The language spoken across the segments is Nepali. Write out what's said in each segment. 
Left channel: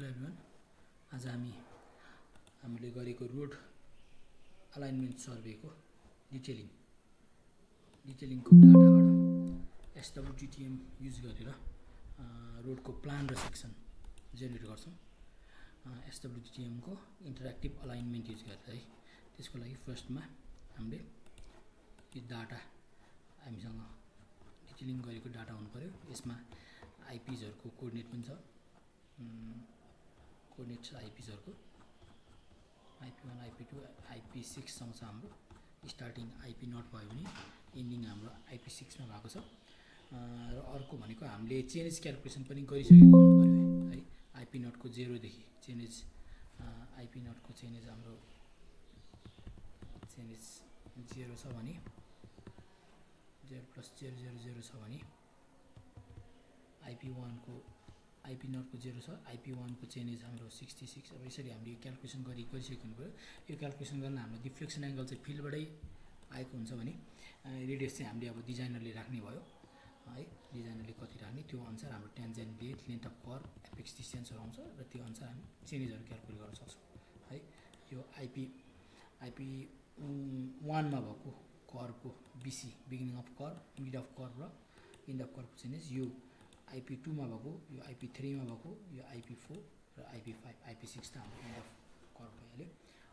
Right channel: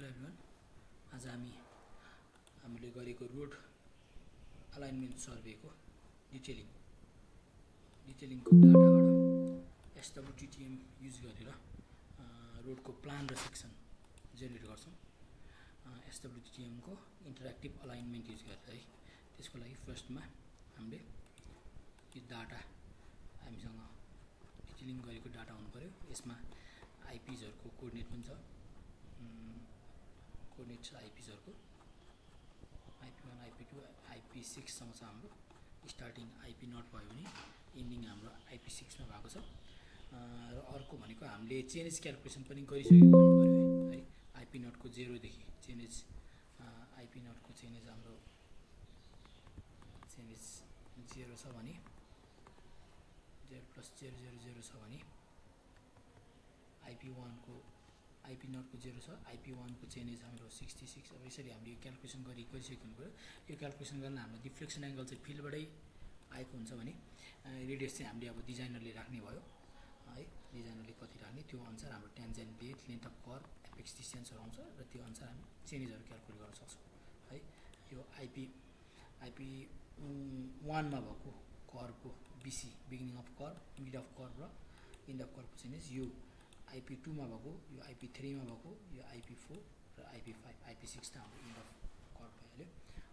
हेलो एभ्रिवान, आज हामीले गरेको रोड अलाइनमेन्ट सर्वेको डिटेलिङको डाटाबाट एसडब्ल्युटिटिएम युज गरेर रोडको प्लान र सेक्सन जेनेरेट गर्छौँ। एसडब्ल्युटिटिएमको इन्टरेक्टिभ अलाइनमेन्ट युज गरेर है। त्यसको लागि फर्स्टमा हामीले यो डाटा हामीसँग डिटेलिङ गरेको डाटा हुनु पर्यो। यसमा आइपिजहरुको कोअर्डिनेट पनि छ। कोअर्डिनेट छ आइपिजहरुको IP1, IP2, IP6 सँग छ हाम्रो। स्टार्टिङ IP0 भयो भने एन्डिङ हाम्रो IP6 मा भएको छ। र अर्को भनेको हामीले चेन्ज क्याल्कुलेसन पनि गरिसकेको हुनु पर्यो है। IP0 को 0 देखि चेन्ज IP0 को चेन्ज हाम्रो चेन्ज 0 छ भने 0 + 0 0 0 छ भने IP0 को 0 छ। IP1 को चेन्ज हाम्रो 66। अब यसरी हामीले क्याल्कुलेसन गरिसकेको हुनु पर्यो। यो क्याल्कुलेसन गर्न हाम्रो डिफ्लेक्सन एंगल चाहिँ फिल्डबाटै आएको हुन्छ भने रेडियस चाहिँ हामीले अब डिजाइनरले राख्ने भयो है। डिजाइनरले कति राख्ने त्यो अनुसार हाम्रो टेन्जेन्ट बेट लेन्थ अफ कर्भ एपेक्स डिस्टेन्सहरु आउँछ र त्यो अनुसार हामी चेन्जहरु क्याल्कुलेट गर्न सक्छौं है। यो IP1 मा भएको कर्भको BC beginning of curve, mid of curve र एन्ड अफ कर्भको चेन्ज, यो IP2 मा भएको, यो IP3 मा भएको, यो IP4 र IP5, IP6 त हाम्रो एन्ड अफ कर्भ भइहाल्यो।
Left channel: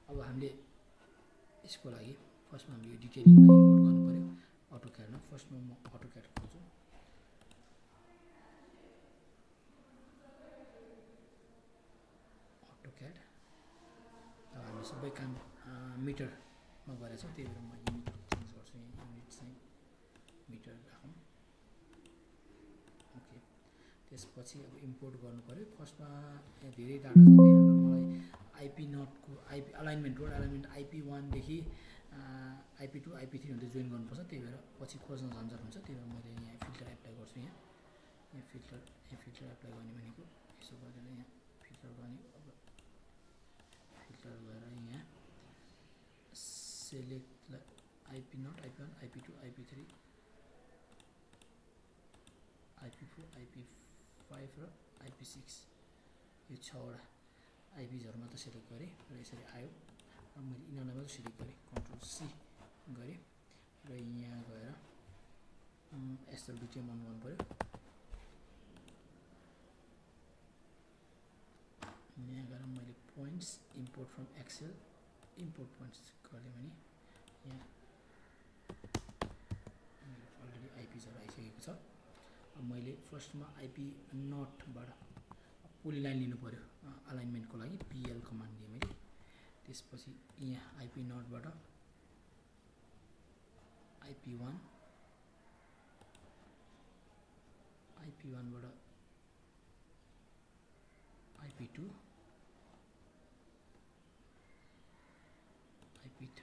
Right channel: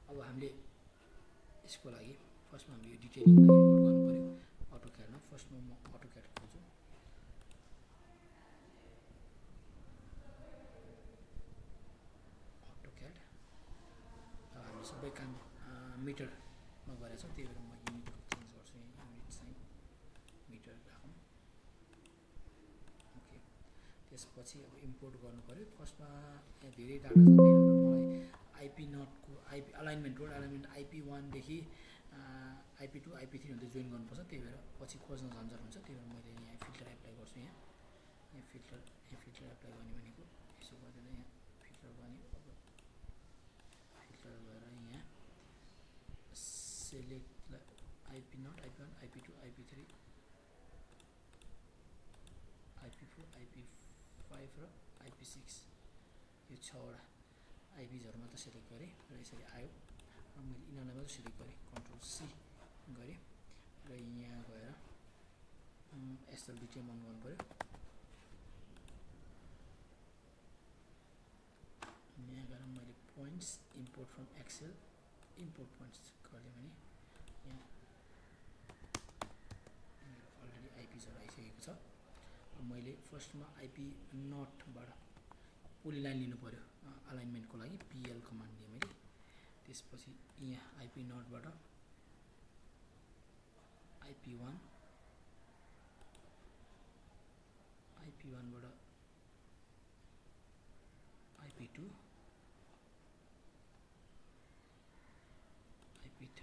अब हामीले यसको लागि फर्स्टमा हामीले यो डिटेलिङलाई इम्पोर्ट गर्नु पर्यो अटोक्याडमा। फर्स्टमा म अटोक्याड खोल्छु। अटोक्याड अब हामी सबै काम मिटरमा गरेका छौं, त्यही भएर म युनिट चेन्ज गर्छु। युनिट चाहिँ मिटर राखौं। ओके, त्यसपछि अब इम्पोर्ट गर्नु पर्यो। फर्स्टमा यहाँ धेरै डाटा छ, त्यही भएर मलाई IP0 को अलाइनमेन्ट रोड अलाइनमेन्ट IP1 देखि IP2 IP3 हुँदै जोइन गर्नुपर्छ। त्यही भएर पछि खोज्न झन्झट हुन्छ। त्यही भएर मैले यहाँ फिल्टर एप्लाई गर्छु। यहाँ फिल्टर एप्लाई गर्ने भनेको यसो गरेर यहाँ फिल्टर गर्ने। अब फिल्टर गरेर यहाँ select IP0 IP1 IP2 IP3 IP4 IP5 र IP6 यो 6 वटा आइपिजहरु मात्र सेलेक्ट गरे र यसरी आयो। अब मैले यिनीहरुलाई मात्र सेलेक्ट गरे, कन्ट्रोल C गरे र यहाँ गएर एसडब्ल्युटिएम अन गर्नु पर्यो। यहाँ गएर मैले points import from Excel import points गर्दै भने यहाँ मेरो अलरेडी आइपिजहरु आइसकेको छ। अब मैले फर्स्टमा IP0 बाट पोलिलाइन लिनु पर्यो अलाइनमेन्टको लागि। PL कमान्ड दिए मैले। त्यसपछि यहाँ IP0 बाट IP1 बाट IP2 IP3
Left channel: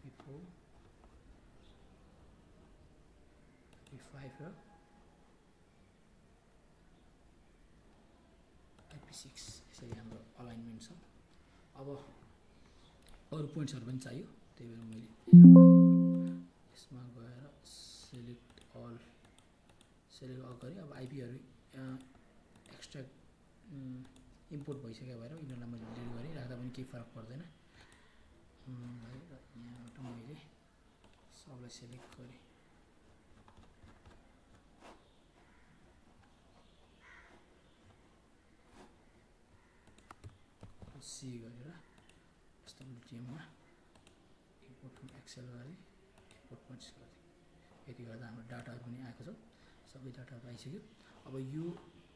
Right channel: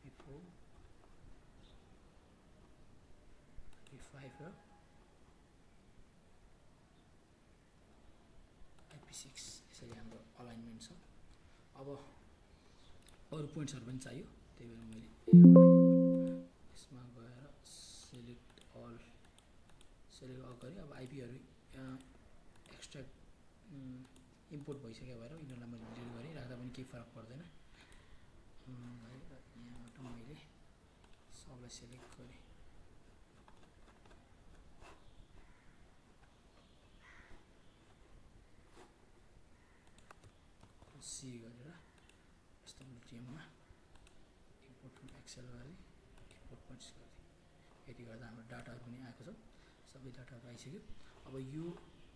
IP4 IP5 र IP6 यसरी हाम्रो अलाइनमेन्ट छ। अब अरु पोइन्ट्सहरु पनि चाहियो, त्यही भएर मैले यसमा गएर सेलेक्ट अल गरे। अब आइपीहरु एक्सट्र्याक्ट इम्पोर्ट भइसक्यो भएर यिनीहरुलाई मैले डिलिट गरे, राख्दा पनि केही फरक पर्दैन। यहाँबाट मैले सबलाई सेलेक्ट गरे। C गरेर एसडब्ल्युटिएम मा इम्पोर्ट फ्रम एक्सेल गरे, इम्पोर्ट पोइन्ट्स गरे। यति गर्दा हाम्रो डाटाहरु पनि आएको छ, सबै डाटाहरु आइसक्यो। अब यो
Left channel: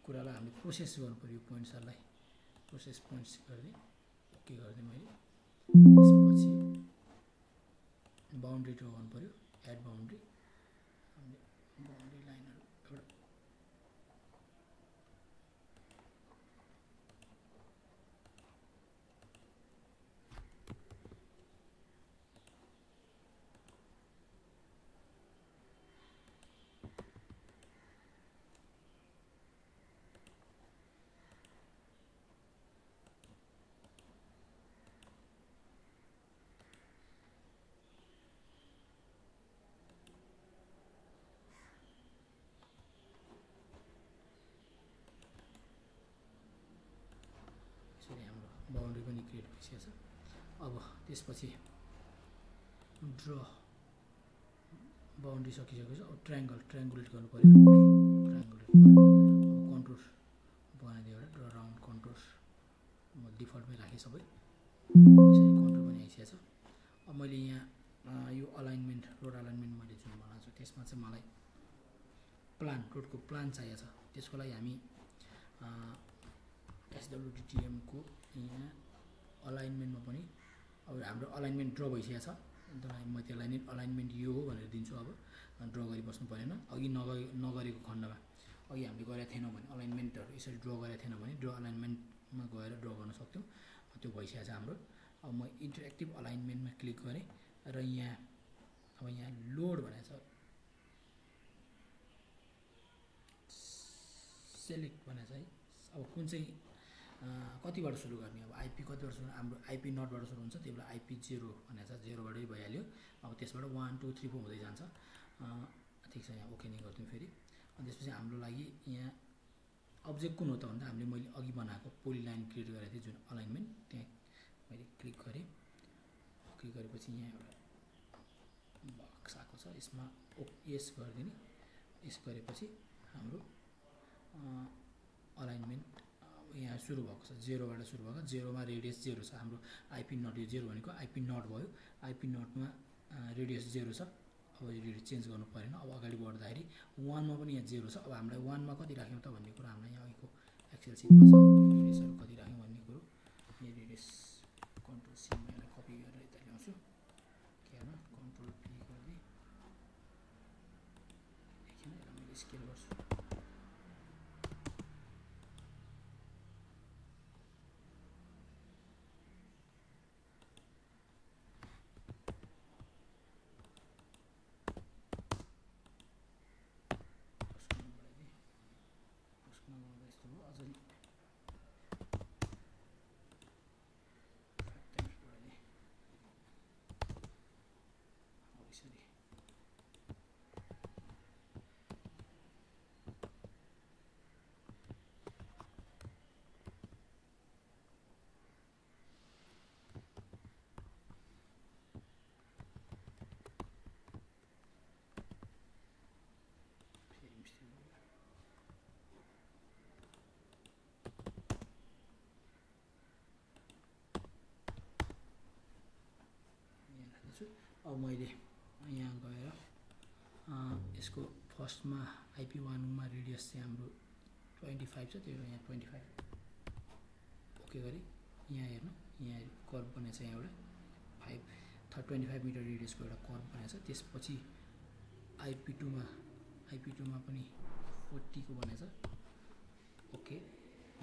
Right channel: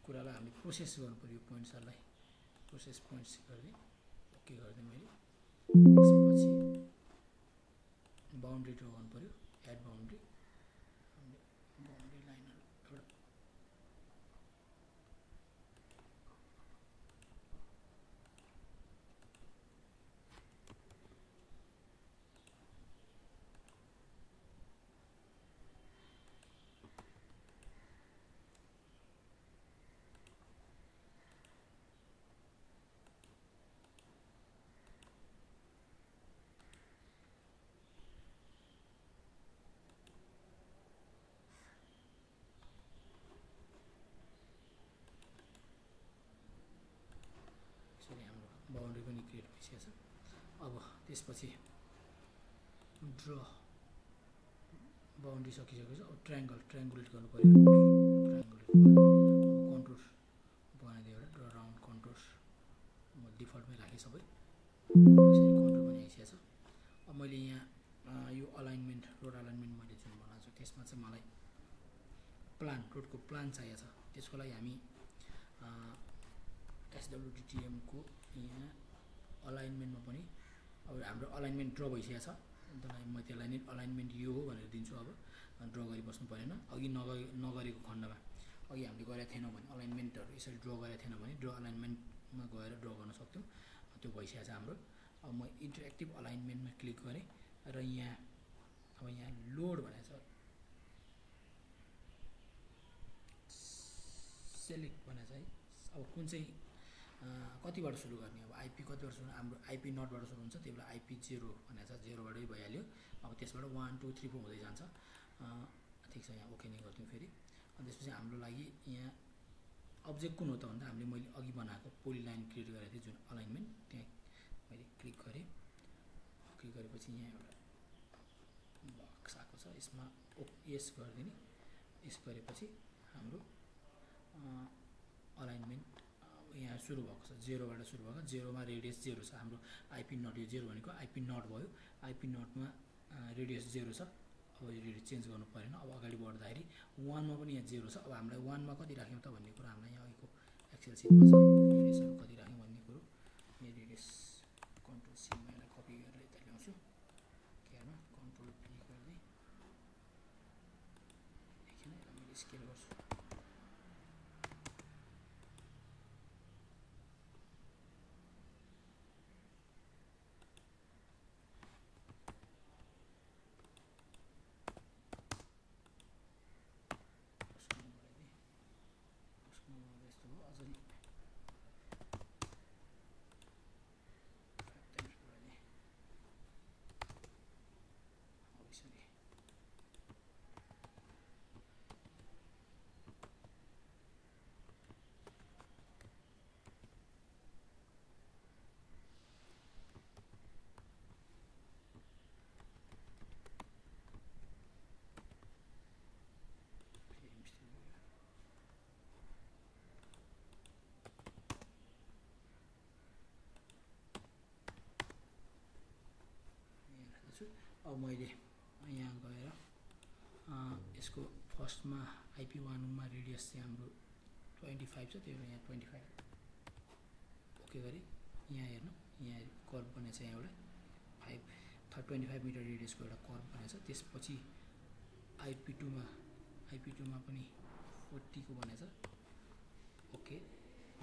कुरालाई हामीले प्रोसेस गर्नु पर्यो। पोइन्ट्सहरुलाई प्रोसेस पोइन्ट्स गर्दै ओके गर्दै मैले त्यसपछि बाउन्ड्री ड्रा गर्नु पर्यो। एड बाउन्ड्री, हामीले बाउन्ड्री लाइनहरु एउटा बाउन्ड्री पनि क्रिएट भइसकेको छ। अब त्यसपछि ड्र बाउन्ड्री सकिसकेको छ। अब ट्रायङ्गुलेट गर्नु पऱ्यो। ट्रायङ्गुलेट भयो। अब कन्टुर बनाइदियो एउटा ड्र राउन्ड कन्टुर म डिफल्टमै राखेँ सबै। यसरी कन्टुर पनि आइसकेको छ। अब मैले यहाँ यो अलाइनमेन्ट रोड अलाइनमेन्ट मैले जुन बनाएको छु त्यसमा चाहिँ मलाई प्लान रोडको प्लान चाहिएको छ। त्यसको लागि हामी SWDTM को यहाँ अलाइनमेन्टमा पनि अब हाम्रो अलाइनमेन्ट ड्र भइसकेको छ। त्यसलाई म त्यसलाई नै अलाइनमेन्ट यो हो भनेर दिन्छु। अब ड्र गरिबस्नु परेन। अघि नगरेको खण्डमा अघि हामीले गरेका थिएनौँ भने अलाइनमेन्टहरू यसरी ड्र गरेका थिएन भने ड्र अलाइनमेन्टमा गएर ड्र गर्न सक्थ्यौँ। त्यो भइसकेको छ हाम्रो। अब म इन्टरेक्टिभ अलाइनमेन्टमा क्लिक गरेँ र यहाँ अब यहाँ लोड भनेको छ सेलेक्ट भनेको छ है। अब कुन चाहिँ कतिबाट सुरु गर्ने अब आइपी कतिबाट सुरु हाम्रो आइपी नटबाट सुरु हुन्छ। त्यही भएर आइपी 0 भनेको छ 0बाटै भइहाल्यो। अब त्यसबाट 1 2 3 4 हुँदै जान्छ। ठिक छ यहाँ ओके नै गरिदिउँ फेरि। अनि त्यसपछि हाम्रो लागि यहाँ अब्जेक्ट कुन हो त भन्दा हामीले मैले अघि बनाएको पोलिलाइन क्रिएट गरेको थिएँ जुन अलाइनमेन्ट त्यहाँ मैले क्लिक गरेँ। क्लिक गरेपछि यहाँ एउटा बक्स आएको छ। यसमा यस गरिदिने। यस गरेपछि हाम्रो अलाइनमेन्ट यहाँ सुरु भएको छ 0बाट सुरु भएको। 0मा रेडियस 0 छ हाम्रो आइपी नट। यो 0 भनेको आइपी नट भयो। आइपी नटमा रेडियस 0 छ। अब यो रेडियस चेन्ज गर्नु परेन। अब अगाडि बढ्दाखेरि 1मा पनि यहाँ 0 छ। अब हामीलाई 1मा कति राख्यौँ त भन्ने कुरा हामीलाई यहाँ अघिको एक्सेल सिटमा छ। रेडियसहरू कति राख्यौँ भन्ने कुरो यहाँ रेडियस कन्ट्रोल सी मा यसलाई कपी गरेर यता ल्याउँछु। के होइन कन्ट्रोल पी गर्दै देखिन यसलाई मैले स्केल गर्छु। अब मैले यहाँ गएर यसको फर्स्टमा आइपी 1मा रेडियस चाहिँ हाम्रो 25 छ। त्यही भएर यहाँ 25 ओके गरेँ। यहाँ हेर्नु यहाँ कर्भ बनेको छ। यहाँ एउटा 25 मिटर रेडियसको एउटा कर्भ बनेको छ। त्यसपछि आइपी 2मा पनि 40 को बनेको छ। ओके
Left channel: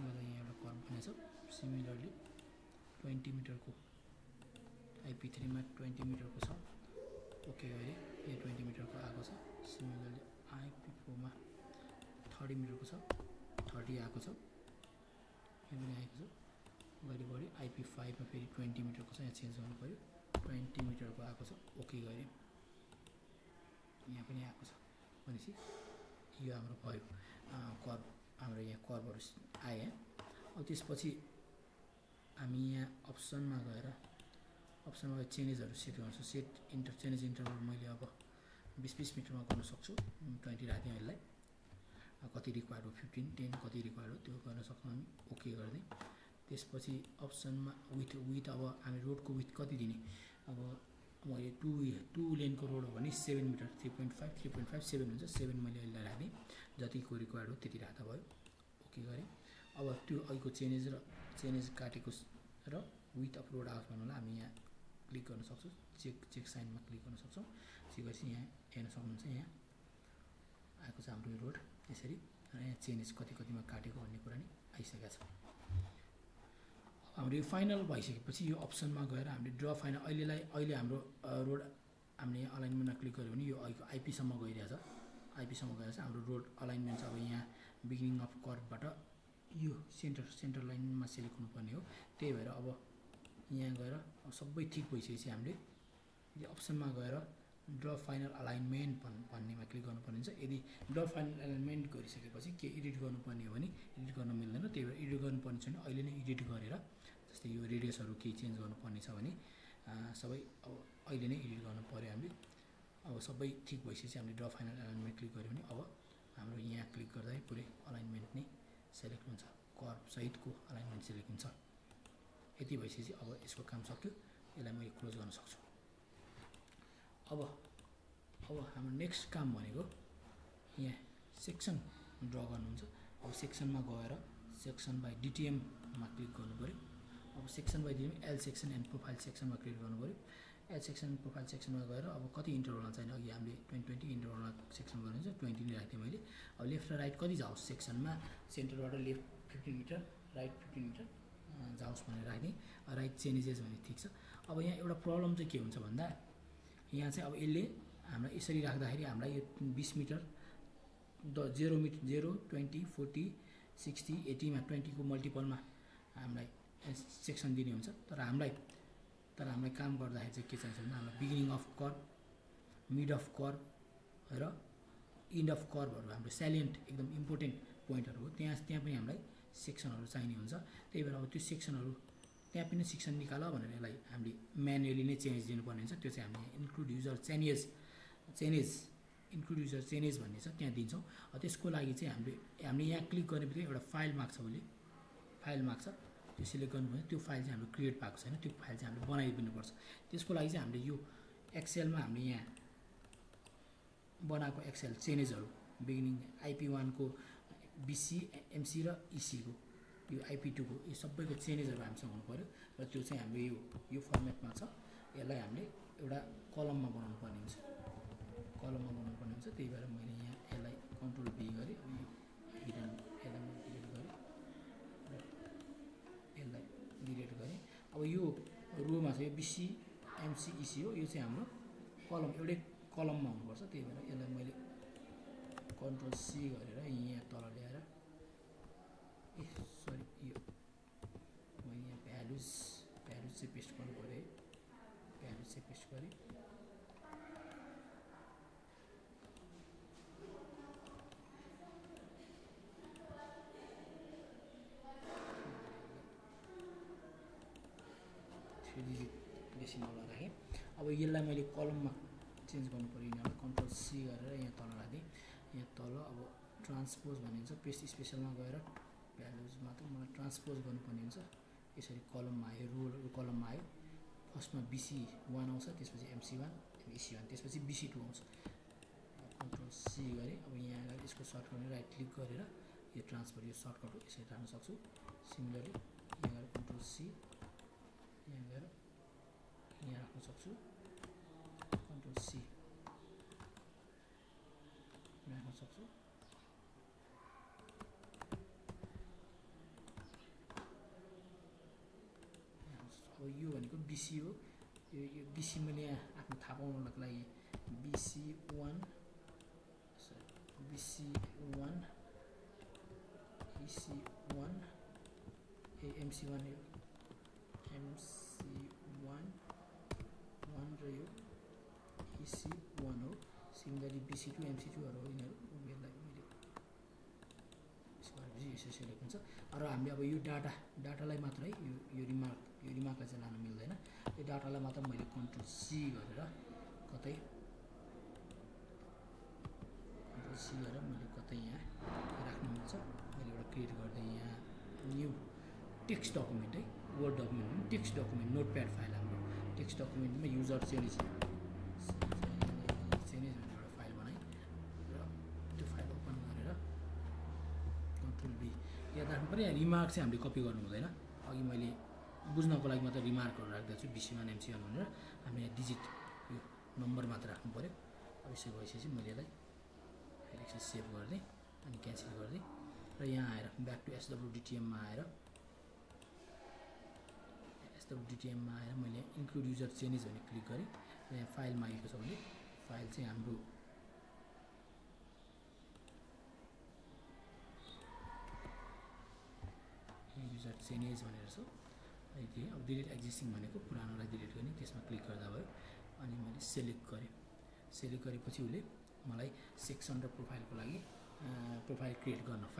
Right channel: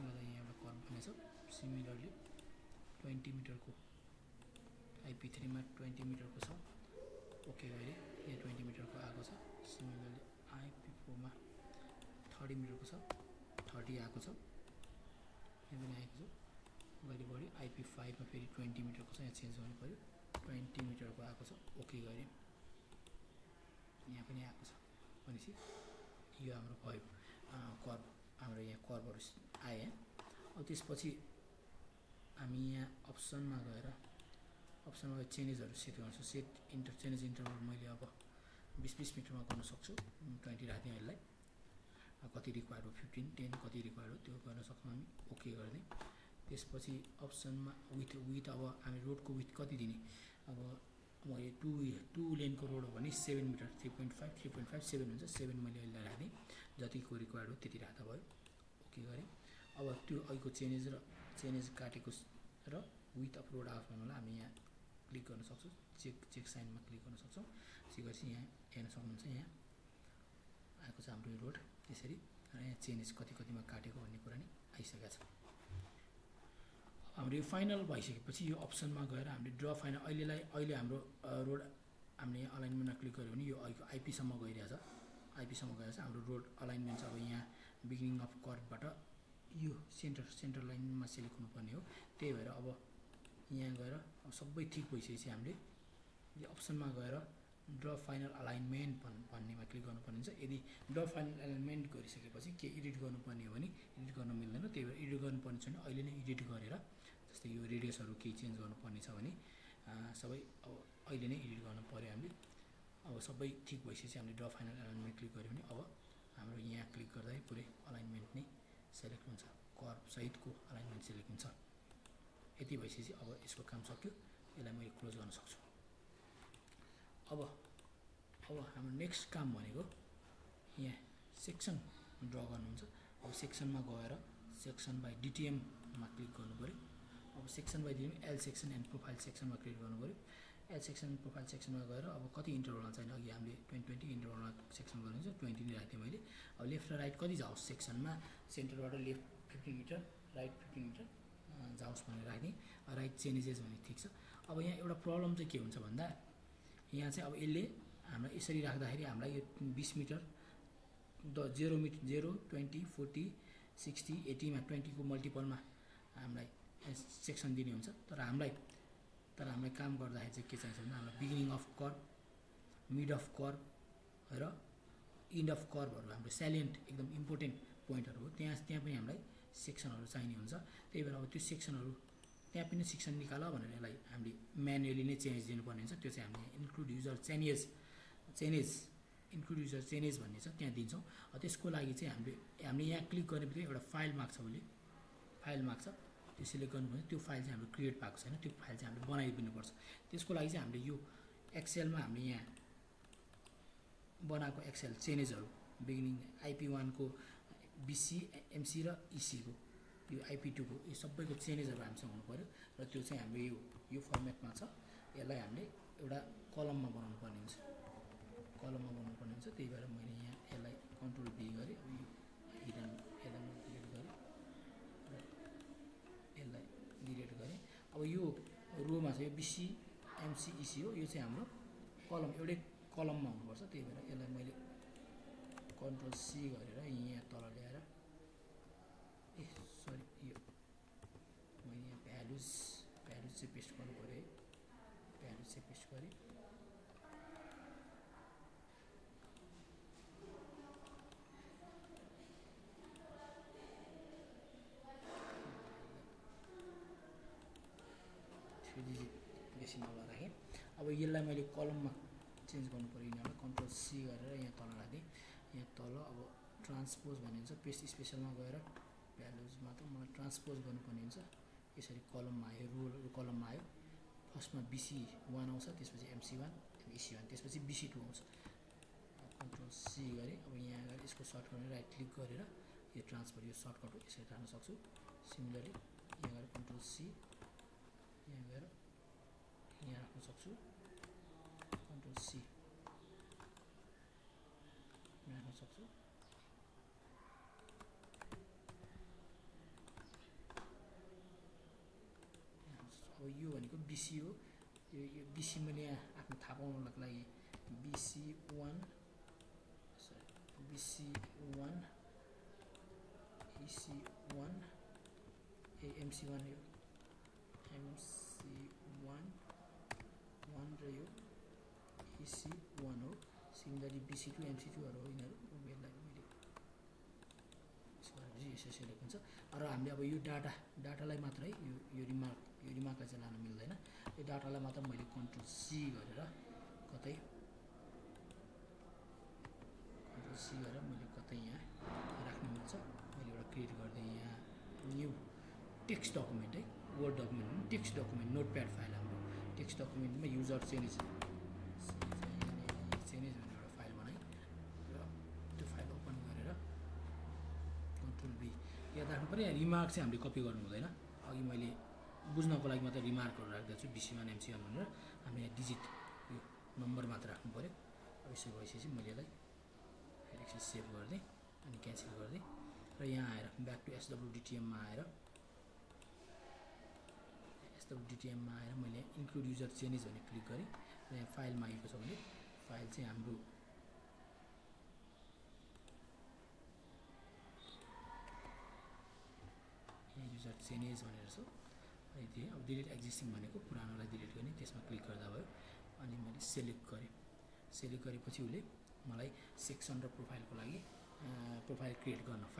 गर्दा यहाँ एउटा कर्भ बनेको छ। सिमिलरली 20 मिटरको आइपी 3मा 20 मिटरको छ। ओके गरे यहाँ 20 मिटरको आएको छ। सिमिलरली आइपी 4मा 30 मिटरको छ। 30 आएको छ। यहाँ पनि आएको छ। अगाडि बढ्यो। आइपी 5मा फेरि 20 मिटरको छ। यहाँ चेन्ज गर्नु पऱ्यो। 20 मिटरको आएको छ। ओके गरे यहाँ पनि आएको छ। भनेपछि यो हाम्रो भयो कर्भ। हाम्रो यहाँ कर्भहरू आए। अब त्यसपछि हामी यहाँ अप्सनमा गएर चेन्जेसहरू सेट गर्छु। सेट चेन्ज इन्टरभल मैले अब 20 मिटरमा गर्न सक्छु। 20 राख्दिउँ यसलाई। कति रिक्वायर्ड हो 15 10 कति रिक्वायर्ड हो त्यो गर्न सक्छौँ हामी। ओके गरिदिउँ। त्यसपछि अप्सनमा विथ अब हामी रोडको विथ कति दिने। अब मैले 2 लेनको रोड हो भने 7 मिटर 3.5 7 हुन्छ। 7 मैले यसलाई राखिदिएँ। जतिको रिक्वायर्ड हो त्यति राख्दा भयो। ओके गरेँ। अब त्यो अघिको चेन्जेस काटेको र विथ अफ रोड आउट भन्नुलाई हामी यहाँ क्लिक गर्न सक्छौँ। चेक साइनमा क्लिक गर्न सक्छौँ। चेक गरेपछि यहाँ हेर्न सक्नुहुन्छ। यहाँ आएको छ हाम्रो रोड यसरी। र यहाँ चेन्जेस कतिमा काटेको भन्ने कुरा नि आइसकेको छ। हाम्रो यो फाइनल भइसकेपछि यो अप्सनमा गएर हामीले ड्र फाइनल अहिले हाम्रो रोड हामीले यहाँ अलाइनमेन्टमा क्लिक गऱ्यो भने यो अहिलेको आइपीसम्म गइरहेछ। आइपीसम्म गइरहेछ हाम्रो रोड अलाइनमेन्ट छ। अब यहाँ बिगिनिङ अफ कर्भबाट यो सेन्टर लाइनमा सेलेक्ट हुनुपर्ने हो। त्यही भएर अब यहाँ गएर सबै ठिक भइसकेपछि हामीले यो अप्सनमा गएर ड्र फाइनल अलाइनमेन्ट भन्नेमा क्लिक गर्नुपर्ने हुन्छ। यदि ड्र फाइनल अलाइनमेन्ट गरिसकेपछि के एडिट गर्नुपर्ने हो भने एडिट गर्न मिल्दैन। त्यही भएर एडिट गर्नुपर्ने छैन। अहिले नै एडिट गरेर जस्तै यो रेडियसहरू केही चेन्ज गर्नुपर्ने छ भने सबै अब अहिले नै एडिट गर्नु पऱ्यो हामीले। अब सबै ठिक भइसकेपछि हामीले ड्र फाइनल एलाइनमेन्ट क्लिक गऱ्यो भने अब हाम्रो यहाँ क्लिक गर्दा पुरै अलाइनमेन्ट नै सेलेक्ट हुन्छ, कर्भ सहितको अलाइनमेन्ट सेलेक्ट हुन्छ। यति भइसकेपछि अब यसको काम सक्यो, यसलाई मैले क्लोज गर्न सक्छु। अब हाम्रो नेक्स्ट काम भनेको यहाँ सेक्सन ड्र गर्नुहुन्छ। अब सेक्सनमा गएर सेक्सन बाई डिटिएममा क्लिक गर्नु पऱ्यो। अब section by DTM L section and profile सेक्सनमा क्लिक गर्नु पऱ्यो। एल सेक्सन प्रोफाइल सेक्सनमा गएर अब कति इन्टरभलमा चाहिने, अघि हामीले 20 इन्टरभलमा सेक्सन गर्नुहुन्छ, 20 नै राख्थेँ मैले। अब लेफ्ट र राइट कति जाओस् सेक्सनमा, सेन्टरबाट लेफ्ट 15 मिटर, राइट 15 मिटर जाओस् भनेर राख्ने। राइट चेन्जेस भने ठिक छ। अब यहाँ एउटा प्रब्लम चाहिँ के हुन्छ भन्दा यहाँ चाहिँ अब यसले हामीलाई यसरी राख्दाखेरि हामीलाई यो 20 मिटर 0 मिटर 0, 20, 40, 60, 80मा 20 को मल्टिपलमा हामीलाई सेक्सन दिने हुन्छ। तर हामीलाई काम गर्दाखेरि चाहिँ के चाहिन्छ भन्दा हामीलाई beginning of curve, mid of curve र इन्ड अफ कर्भहरू हाम्रो स्यालिएन्ट एकदम इम्पोर्टेन्ट पोइन्टहरू हो। त्यहाँ पनि हामीलाई सेक्सनहरू चाहिने हुन्छ। त्यही भएर अब त्यो सेक्सनहरू त्यहाँ पनि सेक्सन निकाल भनेर यसलाई हामीले म्यानुअली नै चेन्ज दिनुपर्ने हुन्छ। त्यो चाहिँ हामीले इन्क्लुड युजर चेन्जेस भन्ने छ, त्यहाँ दिन्छौँ। त्यसको लागि चाहिँ हामीले यहाँ क्लिक गर्ने बित्तिकै एउटा फाइल माग्छ, उसले फाइल माग्छ, त्यो सिलेक्ट गर्नुपर्छ। त्यो फाइल चाहिँ हाम्रो क्रिएट भएको छैन, त्यो फाइल चाहिँ हामीले बनाइदिनुपर्छ। त्यसको लागि चाहिँ हामीले यो एक्सेलमा हामीले यहाँ बनाएको एक्सेल चेन्जेसहरू बिगिनिङ IP1 को BC, MC र EC को, यो IP2 को, यो सबैको चेन्जेसहरू हामीसँग हुनु पऱ्यो। र त्यो चाहिँ हाम्रो यो फर्मेटमा छ। यसलाई हामीले एउटा कलममा बनाउनु पर्ने हुन्छ, त्यही भएर मैले यहाँ यसलाई कन्ट्रोल B गरेँ। अब यो हिडन यसलाई म डिलिट गरेँ र यसलाई डिलिट गरेँ। अब यो रोमा छ, यो BC, MC, EC हो, यो चाहिँ हाम्रो कलम एउटै कलममा हुनुपर्छ। त्यही भएर यसलाई मैले कन्ट्रोल C गरेर यहाँ तल ल्याएर यो मैले यहाँ भ्यालुज चाहिँ पेस्ट गर्नु पऱ्यो है। भ्यालुज चाहिँ पेस्ट गरेँ। डेसिमलमा राखेँ। अब यसलाई मैले कलममा चेन्ज गर्नु पऱ्यो, यिनीहरूलाई कन्ट्रोल C गरेर यहाँ तल राखेँ। यहाँ तल अब ट्रान्सपोज भन्ने हुन्छ, पेस्ट स्पेसलमा गएर भ्यालुजमा त मलाई ट्रान्सपोज गर्नुपर्ने हुन्छ। यसरी कलममा आयो, रो कलममा आयो। फर्स्टमा BC1 आउँछ, त्यसपछि MC1, EC1, त्यसपछि BC2 आउँछ। कन्ट्रोल C गरेँ। अब यहाँ गएर यसको सर्टकट राइट क्लिक गरेर यो ट्रान्सफर, यो सर्टकट हो, यसरी राख्न सक्छु। सिमिलरली यहाँ गएर कन्ट्रोल C, यहाँ गएर यहाँ राख्न सक्छु, कन्ट्रोल C राख्न सक्छु। अब यो भनेको BC हो, यो BC मैले यहाँ आफ्नो थाहा पाउनको लागि BC1 EC1 MC1 यो MC1 र यो EC1 हो। सिमिलरली BC2 MC2हरू हो यिनीहरू। यसलाई मैले यसो सेलेक्ट हुन्छ। र हामीले अब यो डाटालाई मात्रै यो रिमार्कलाई चाहिँ लानु मिल्दैन। यो डाटालाई मात्र मैले कन्ट्रोल C गरेर कतै मैले कतै यहाँ राख्नु मिल्छ। मैले एउटा क्रिएट गर्दै यहाँ न्यू टेक्स्ट डकुमेन्ट है, वर्ड डकुमेन्ट पनि टेक्स्ट डकुमेन्ट, नोटप्याड फाइल हाम्रो टेक्स्ट डकुमेन्टमा युजर चेन्जेस भनेर एउटा फाइल बनाएँ र त्यो फाइल ओपन गरेर कन्ट्रोल B याद राख्नु पऱ्यो। यहाँ रिमार्क चाहिँ हामीले कपी गर्नु हुँदैन। अघि मैले बुझ्नको लागि मात्र रिमार्कहरू राख्दैछु, BC1 MC1 भनेर। हामीले यहाँ डिजिट यो नम्बर मात्र राख्नु पऱ्यो। अब यसो भइसकेपछि मैले यसलाई फेरि एकछिन सेभ गरिदिएँ अनि क्यान्सल गरिदिएँ र यहाँ आएर ब्याक टु SWDTMमा आएर मैले इन्क्लुड युजर चेन्जेस भने क्लिक गरेँ र यहाँ फाइल मागेको छ भने फाइल चाहिँ हाम्रो युजर चेन्जेस भनेर छ। यति अब डिलिट एक्जिस्टिङ भनेको पुरानोलाई डिलिट गर्ने, त्यसमा क्लिक गर्दा भयो। अनि मैले सेलेक्ट गरेपछि उसले मलाई सेक्सन र प्रोफाइलको लागि फाइल क्रिएट गर्नलाई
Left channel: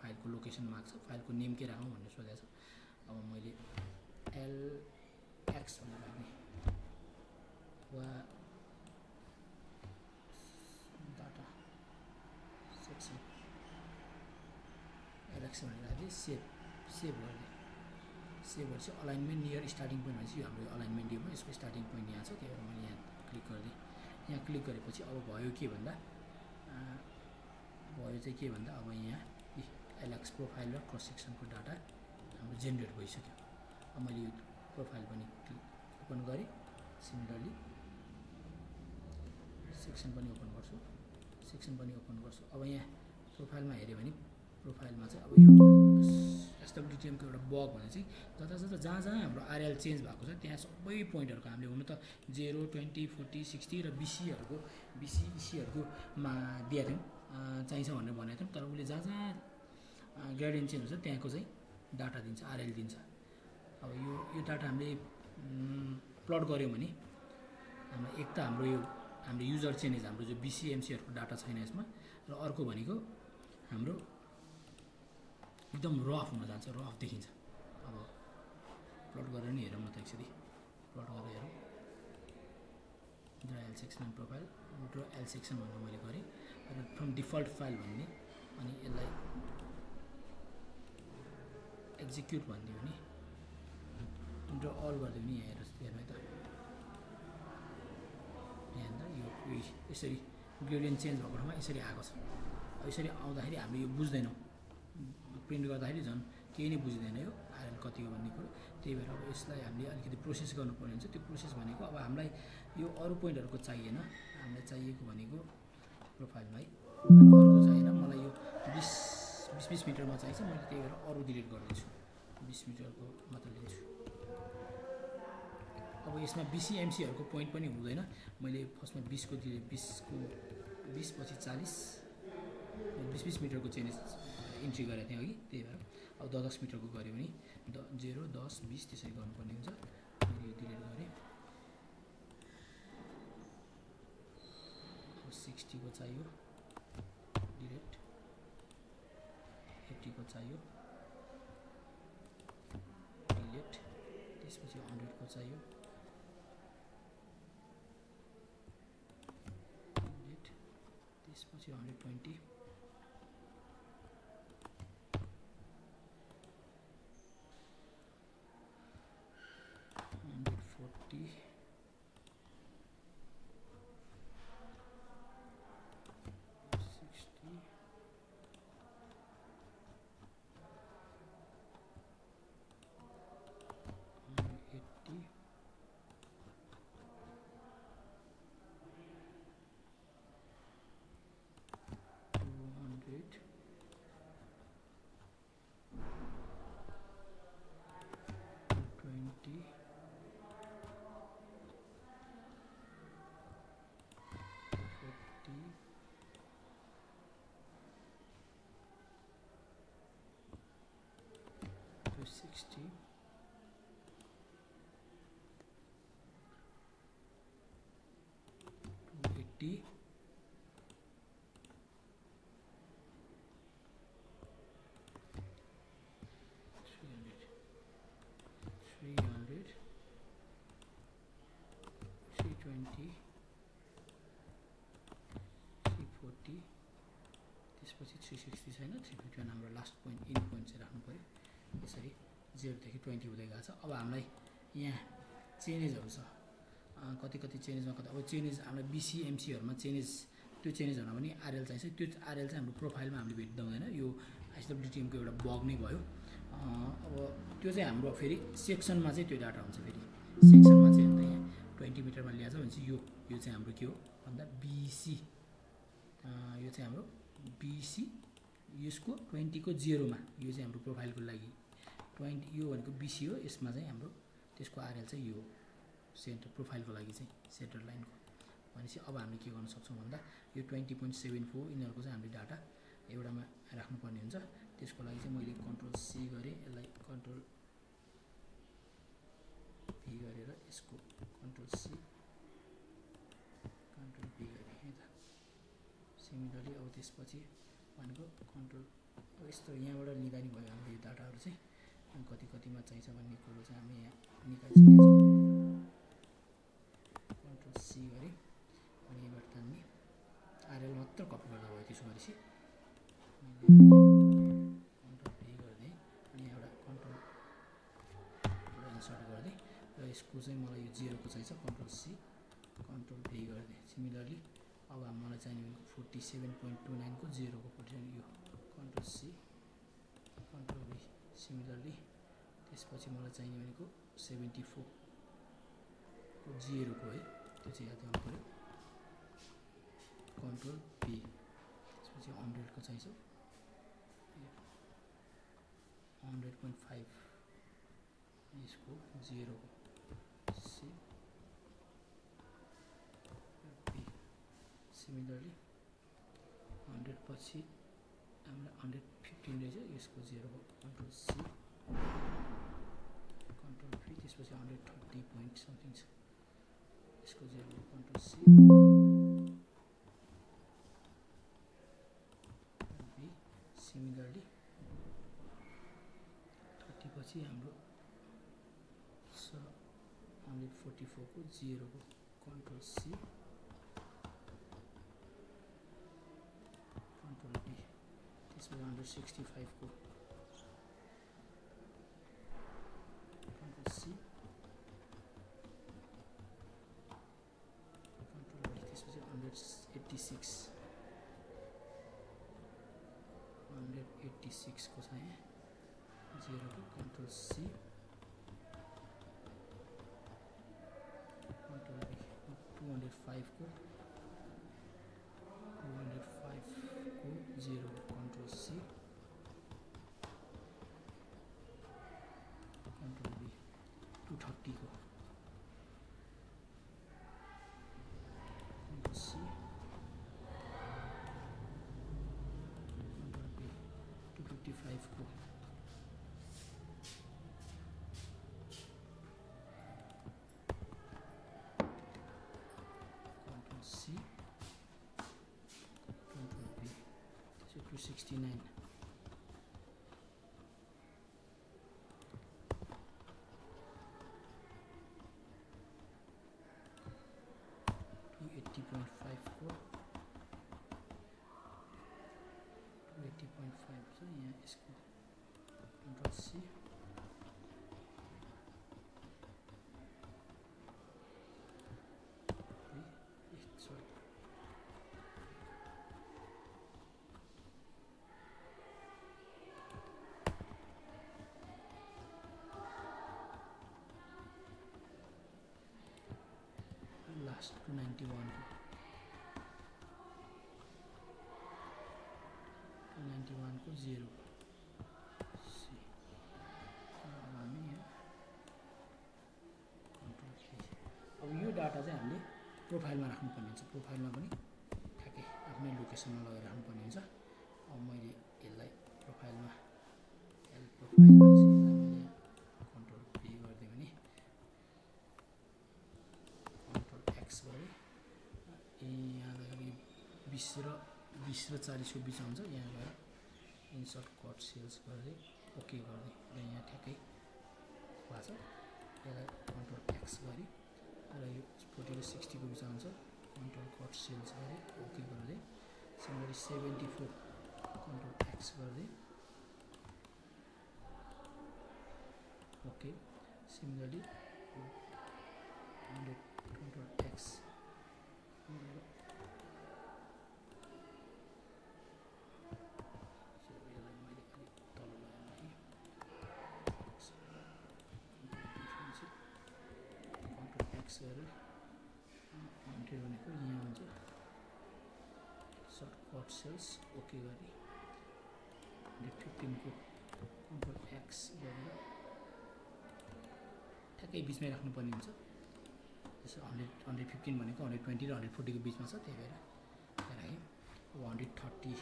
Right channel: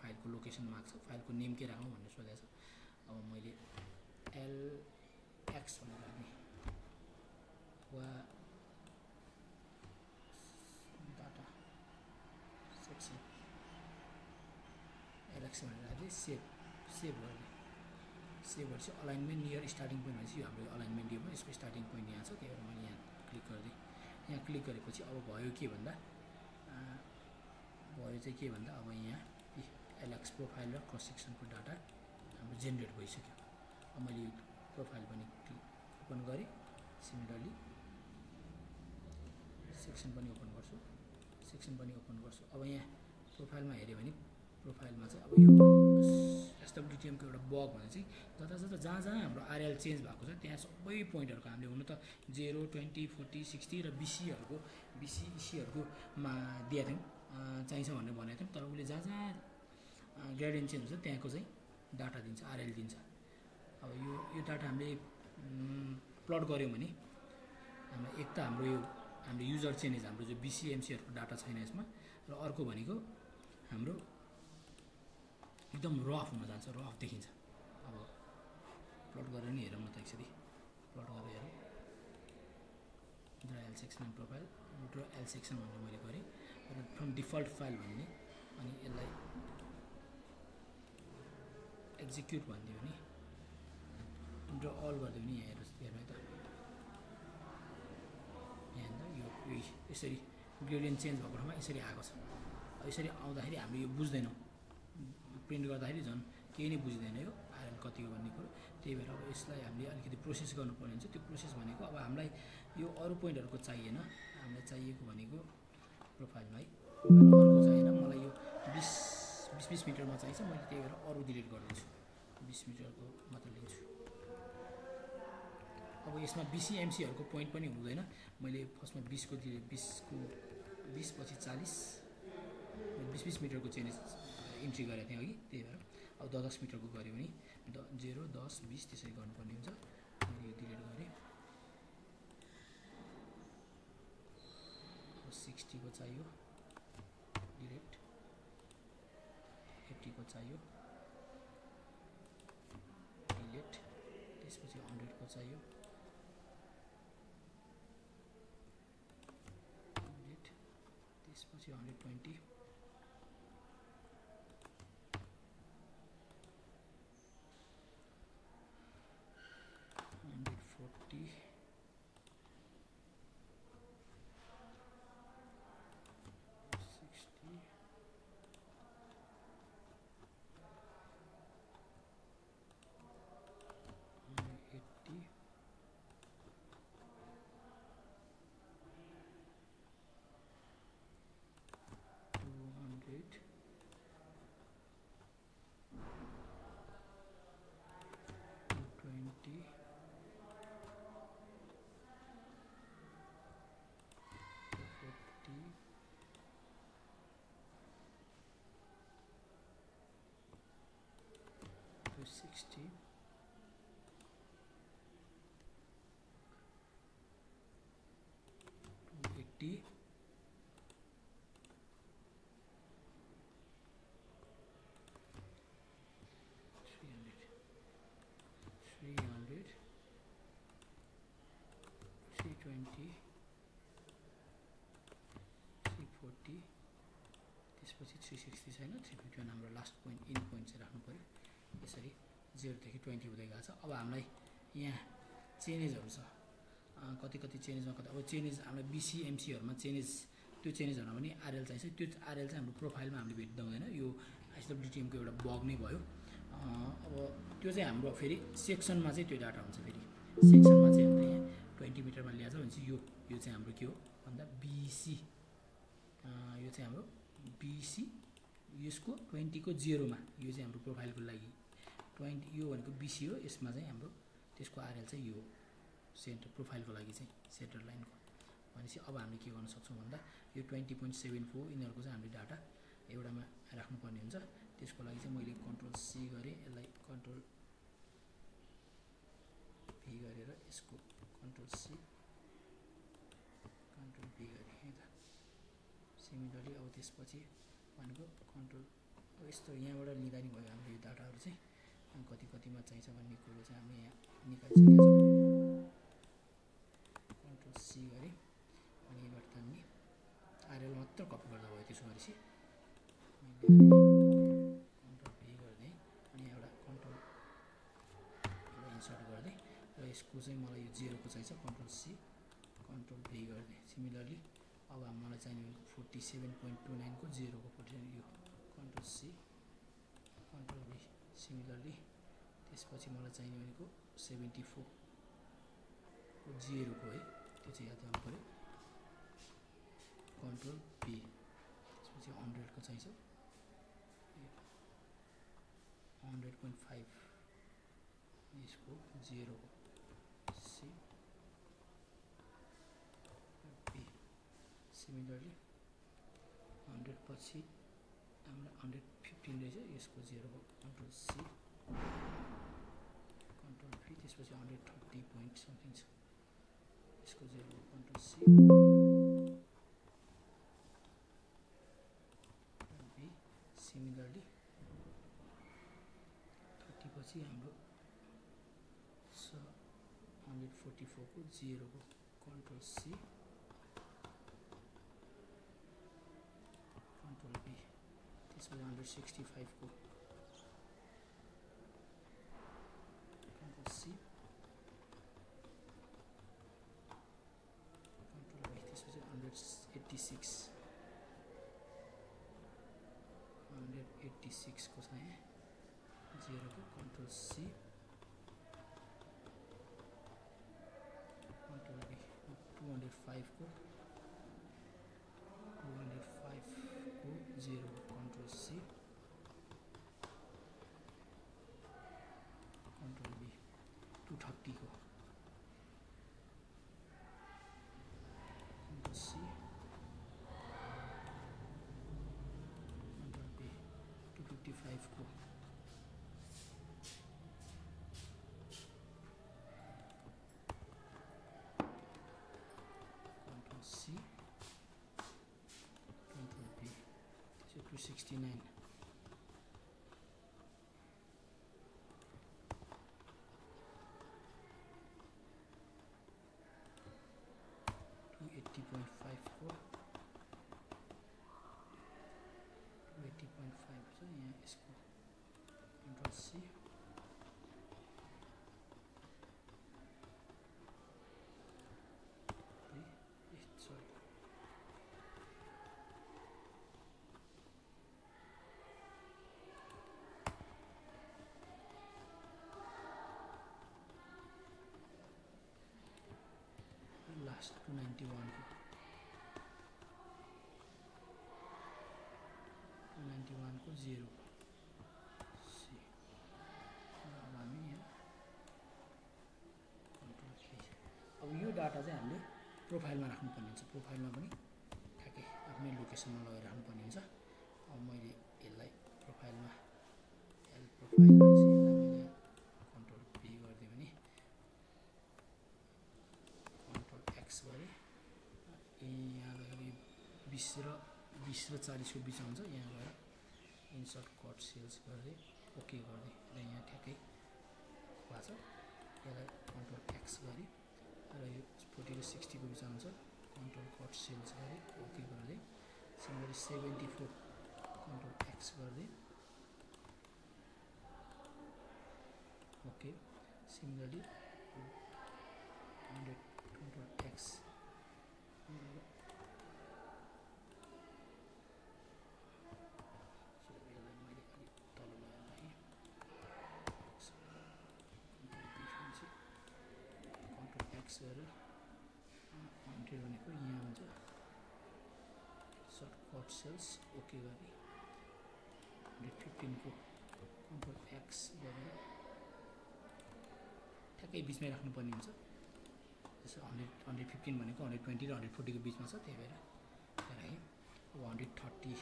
फाइलको लोकेसन माग्छ, फाइलको नेम के राखौँ भनेर सोधेको छ। अब मैले LX भनेर राख्ने वा डाटा सेक्सन LX भनेर राख्दै सेभ गर्ने। सेभ गरेपछि अलाइनमेन्ट नियर स्टार्टिङ पोइन्ट भनेपछि यो हाम्रो अलाइनमेन्ट दियो यसको स्टार्टिङ पोइन्ट यहाँ छ, त्यही भएर मैले यहाँ क्लिक गरिदिएँ। यहाँ क्लिक गरेपछि अब भयो के भन्दा अब यहाँ LX प्रोफाइल र क्रस सेक्सनको डाटा हाम्रो जेनेरेट भइसक्यो। अब मैले यो प्रोफाइल पनि ओपन गरेँ, सिमिलरली सेक्सन पनि ओपन गर्छु। अब यहाँ प्रोफाइलमा हेऱ्यो भने प्रोफाइलमा चाहिँ अब यो SWDTM को एउटा बग भने चाहिँ जहाँ हाम्रो RL चेन्ज भएको छ त्यहाँ सबै पोइन्टहरुको हामीले हुन त 0, 20, 40, 60 र BCहरुको मा दिएको थियौं, चाहिन्छ भनेर भनेको थियौं। तर उले जहाँ ग्रेडियन्ट चेन्ज हुन्छ त्यहाँको चाहिँ डाटा दिन्छ, RL दिन्छ। अब यो डाटा हामीले प्लट गर्यौं भने हाम्रो एक त हाम्रो युजर चेन्ज, हाम्रो जो BCMCहरुको डाटा छैन यसमा, र अर्को भनेको हाम्रो एकदम रफ हुन जान्छ, रफ देखिन्छ। अब प्लट गरेर नि हेरौँ न त एकचोटी, प्लट गरेर हेरौँ। Draw L section and profile, draw L section भनेर मैले गरेँ र फ्रम डिफल्ट फाइल भन्ने, अनि यसलाई एक्जिक्युट भनिदियो भने, ड्रा अल गरिदियो भने यहाँ हेर्नु है त, यहाँ यो यसरी ग्रेडियन्ट चेन्ज भएको ठाउँमा यसरी आएको छ। यसरी आउँदाखेरि हामीले यो बुझ्दैनौँ, प्रिन्ट गर्दाखेरि झन् केही नै बुझ्दैन यो RL कति हो भन्ने कुरो। त्यही भएर अब यसलाई हामीले अलिकति प्रोसेस गर्नुपर्ने हुन्छ। त्यो प्रोसेस भनेको अब हामीलाई यो अरू पोइन्टहरुको चाहिएन, हामीलाई चाहिएको भनेको प्रोफाइलमा है, प्रोफाइल अर्को चाहिएन, मलाई यो 20 मिटरमा चाहिन्छ। मैले त्यही भएर अरू डिलिट गरिदिन्छु, 20 मिटरको मात्र लिन्छु। अब यसमा BCMCहरुको पोइन्ट पनि हुँदैन। मैले फर्स्टमा 20 को दिए, 20 पछि 40, 20 मिटरको चेन्ज इन्ट्री गरेको थिएँ अघि, त्यही भएर अब 10 मिटरको गऱ्यो भने 0, 10, 20 त्यसरी गर्नुपर्ने हुन्छ। मैले यो डिलिट गरेँ। अब 60 को चाहियो, डिलिट। 80 को चाहियो, डिलिट। त्यसपछि 100 को चाहियो, डिलिट। त्यसपछि 120, to 60, 280, 300, 320, 340, त्यसपछि 360 छैन, 351 हाम्रो लास्ट पोइन्ट, इन पोइन्ट चाहिँ राख्नु पर्यो। यसरी 0 देखि 20 हुँदै गएको छ। अब हामीलाई यहाँ चेन्जेसहरु छ, कति चेन्जेसमा कति। अब चेन्जेस हामीलाई BCMCहरुमा चेन्जेस, त्यो चेन्जेसहरुमा पनि RL चाहिन्छ। त्यो RL चाहिँ हाम्रो प्रोफाइलमा हामीले भेट्दा हुँदैन, यो SWDTM को एउटा बग नै भयो। अब त्यो चाहिँ हाम्रो फेरि सेक्सनमा चाहिँ त्यो डाटा हुन्छ। फेरि सेक्सनमा चाहिँ अन्त यहाँ 20 मिटरमा ल्याएको छ भनेपछि यो चाहिँ हाम्रो के हो भन्दा BC, यो चाहिँ हाम्रो BC, यसको 20 को 0 मा, यो चाहिँ हाम्रो प्रोफाइलको लागि 20, यो भनेको BC हो। यसमा चाहिँ हाम्रो त्यसको RL चाहिँ यो सेन्टर प्रोफाइलको लागि चाहिँ सेन्टर लाइनको भनेपछि अब हामीले के गर्न सक्छौं भन्दा यो 20.74 यिनीहरुको चाहिँ हामीले डाटा एउटामा राख्नुपर्ने हुन्छ। त्यसको लागि चाहिँ मैले कन्ट्रोल C गरे, यसलाई कन्ट्रोल V गरेर यसको कन्ट्रोल C, कन्ट्रोल V गरे है त। सिमिलरली अब त्यसपछि भनेको कन्ट्रोल, अब यस्तो यहाँबाट लिँदा नि भयो हाम्रो यो डाटाहरु चाहिँ। कति कतिमा चाहिन्छ भन्ने कुरो चाहिँ हामी यहाँ निकालिसकेका छौँ। कन्ट्रोल सी गरी अनि यहाँबाट तान्ने आरएल मात्र कपी गर्दा भयो। त्यसो गरेपछि कन्ट्रोल भी गर्दै अनि एउटा कन्ट्रोल एउटा इन्सर्ट गर्दै र यसको चाहिँ मलाई यो 0 को चाहिन्छ। कन्ट्रोल सी कन्ट्रोल भी गर्दै सिमिलरली अब मलाई चाहिने भनेको 47.29 को 0 को पोजिसन यो कन्ट्रोल सी कन्ट्रोल भी सिमिलरली त्यसपछि मलाई चाहिने भनेको 74 को 0 को है त्यो चाहिँ याद गर्नु पर्यो। कन्ट्रोल भी त्यसपछि 100 को चाहिन्छ 100.5 यसको 0 को सी भी सिमिलरली 100 पछि हाम्रो 115 रहेछ यसको 0 को कन्ट्रोल सी कन्ट्रोल भी त्यसपछि 130 पोइन्ट समथिङ छ यसको 0 को कन्ट्रोल सी भी सिमिलरली 30 पछि हाम्रो 144 को 0 को कन्ट्रोल सी कन्ट्रोल भी त्यसपछि 165 को कन्ट्रोल सी कन्ट्रोल भी त्यसपछि 186 को चाहिँ 0 को कन्ट्रोल सी कन्ट्रोल भी 205 को 0 को कन्ट्रोल सी कन्ट्रोल भी 230 को कन्ट्रोल सी कन्ट्रोल भी 255 को कन्ट्रोल सी कन्ट्रोल भी 269 280.5 को 280.5 छ यहाँ यसको कन्ट्रोल सी लास्ट 291 को 291 को 0 सी अब हामी यहाँ कन्ट्रोल भी अब यो डाटा चाहिँ हामीले प्रोफाइलमा राख्नुपर्ने हुन्छ। प्रोफाइलमा पनि ठ्याक्कै आफ्नै लोकेसनमा लगेर राख्नुपर्ने हुन्छ। अब मैले यसलाई प्रोफाइलमा प्रोफाइलमा चाहिँ यसलाई मैले कन्ट्रोल भी गरिदिएँ भने कन्ट्रोल एक्स गरेँ यहाँ गएर यो 20 र 40 को बिचमा हुन्छ। यहाँ गएर इन्सर्ट कट सेल्स गर्दै ओके गर्दै र यहाँ ठ्याक्कै भएको छ। यसलाई कन्ट्रोल एक्स गरेँ र यो 40 र 60 को बिचमा हुन्छ। कन्ट्रोल कट सेल्स गरेँ ओके गर्दै सिमिलरली 74 कन्ट्रोल एक्स गर्दै ओके सिमिलरली 100 कन्ट्रोल एक्स गरेर 100 भनेको यहाँ हुन्छ। सर्ट कट सेल्स ओके गरी 115 को कन्ट्रोल एक्स गरेर ठ्याक्कै बिचमै राख्नुपर्ने हुन्छ। जस्तो 115 भनेको 120 र 140 को बिचमा छ त्यही भएर राखेँ। 130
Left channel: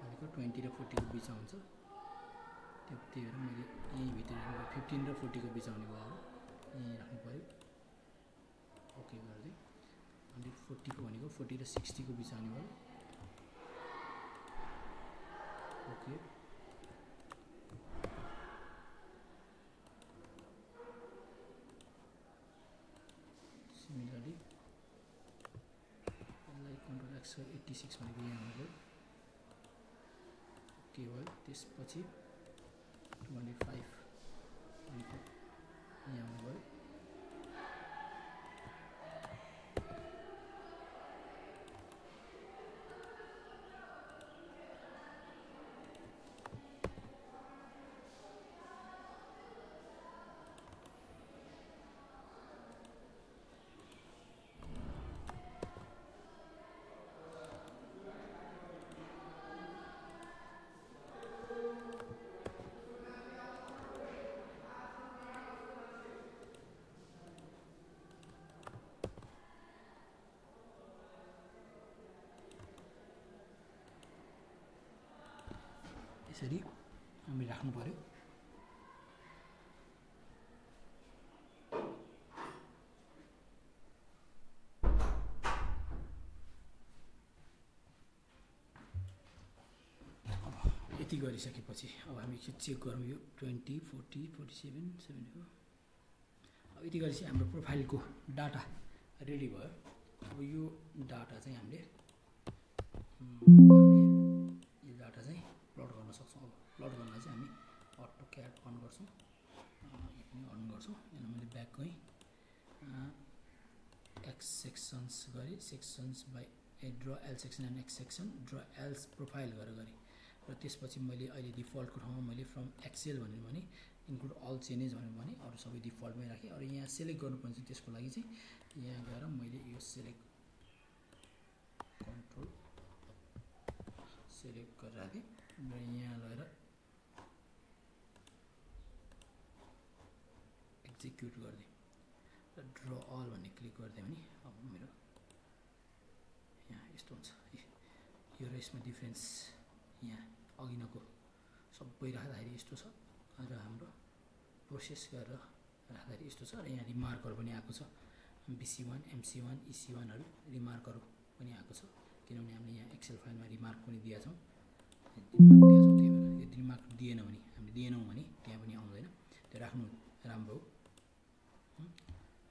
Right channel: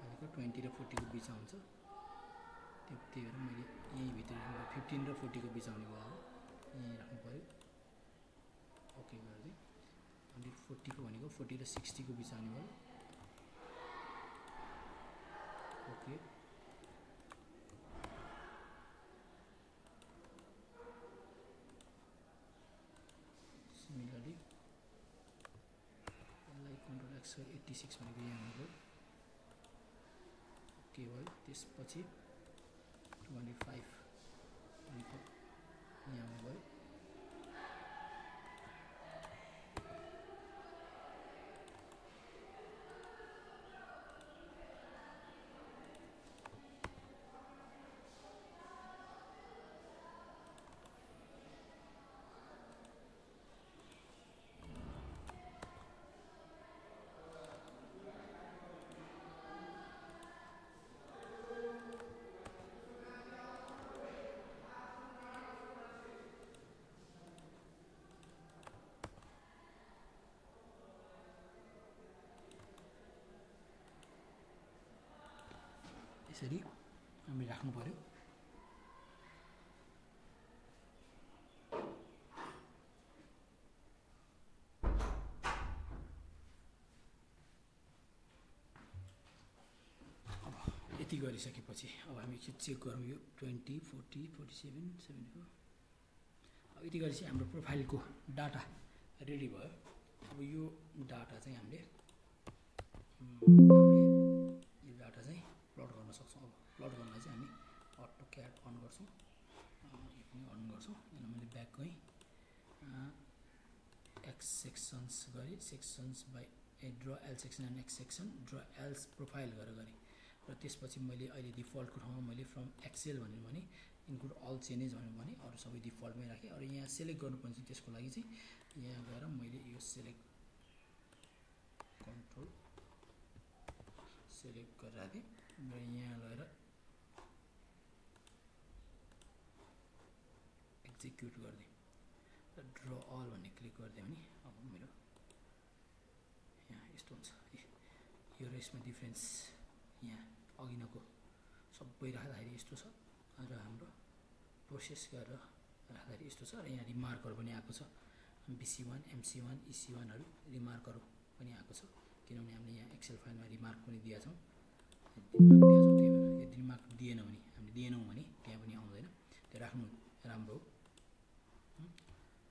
भनेको 20 र 40 को बिचमा हुन्छ त्यही भएर मैले यही भित्र 15 र 40 को बिचमा आउने भयो। अब यही राख्नु पर्यो ओके गर्दै 140 को भनेको 40 र 60 को बिच आउने भयो ओके 186 भनेको यहाँ आउनुभयो के भयो त्यसपछि 205 भनेको यहाँ आउनुभयो यसरी हामीले राख्नु पर्यो यति गरिसकेपछि अब हामी चेक गरौँ यो 20 40 47 74 अब यति गरेपछि हाम्रो प्रोफाइलको डाटा रेडी भयो अब यो डाटा चाहिँ हामीले यो डाटा चाहिँ प्लट गर्न सक्छौँ अब प्लट गर्नलाई चाहिँ हामी अटो क्याड अन गर्छौँ यो पनि अन गर्छौँ यहाँ मैले ब्याक गएँ एक्स सेक्सन्स गरेँ sections by draw L section and x section draw else profile गरेँ र त्यसपछि मैले अहिले डिफल्टको ठाउँमा मैले फ्रम एक्सेल भनेर भने इन्क्लुड अल चेन्जेस भनेर भने अरू सबै डिफल्टमै राखेँ अरू यहाँ सेलेक्ट गर्नुपर्ने चाहिँ त्यसको लागि चाहिँ यहाँ गएर मैले यो सेलेक्ट कन्ट्रोल सेलेक्ट गरेर राखेँ र यहाँ लगेर एक्जिक्युट गरिदिएँ र ड्र अल भन्ने क्लिक गरिदिएँ भने अब मेरो यहाँ यस्तो हुन्छ यो र यसमा डिफ्रेन्स यहाँ अघिनको सबै राख्दाखेरि यस्तो छ र हाम्रो प्रोसेस गरेर राख्दाखेरि यस्तो छ र यहाँ रिमार्कहरू पनि आएको छ BC1 MC1 EC1हरू रिमार्कहरू पनि आएको छ किनभने हामीले यहाँ एक्सेल फाइलमा रिमार्क पनि दिएका छौँ त्यही भएर यदि रिमार्क दिएन भने हामीले दिएनौँ भने त्यहाँ पनि आउँदैन त्यो राख्नु राम्रो हो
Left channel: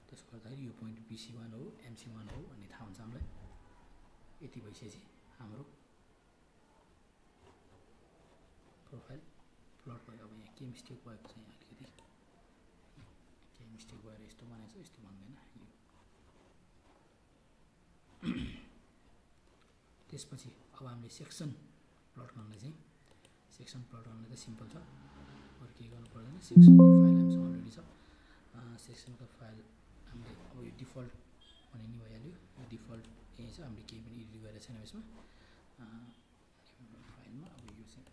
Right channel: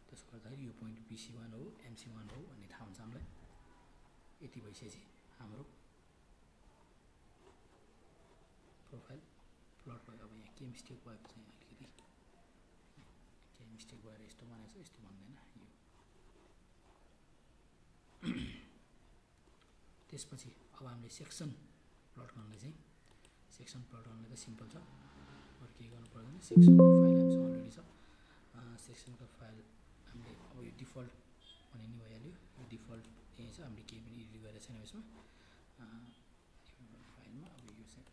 त्यसो गर्दाखेरि यो पोइन्ट BC1 हो MC1 हो भन्ने थाहा हुन्छ हामीलाई यति भइसकेपछि हाम्रो प्रोफाइल प्लट भयो अब यहाँ के मिस्टेक भएको छ यहाँ अलिकति केही मिस्टेक भएर यस्तो बनाएको छ यस्तो भन्दैन यो त्यसपछि अब हामीले सेक्सन प्लट गर्नलाई चाहिँ सेक्सन प्लट गर्नलाई त सिम्पल छ अरू केही गर्नु पर्दैन सेक्सनको फाइल हामीसँग अलरेडी छ सेक्सनको फाइल हामीले अब यो डिफल्ट भने नि भइहाल्यो यो डिफल्ट यही छ हामीले केही पनि एडिट गरेको छैन यसमा फाइलमा अब यो चाहिँ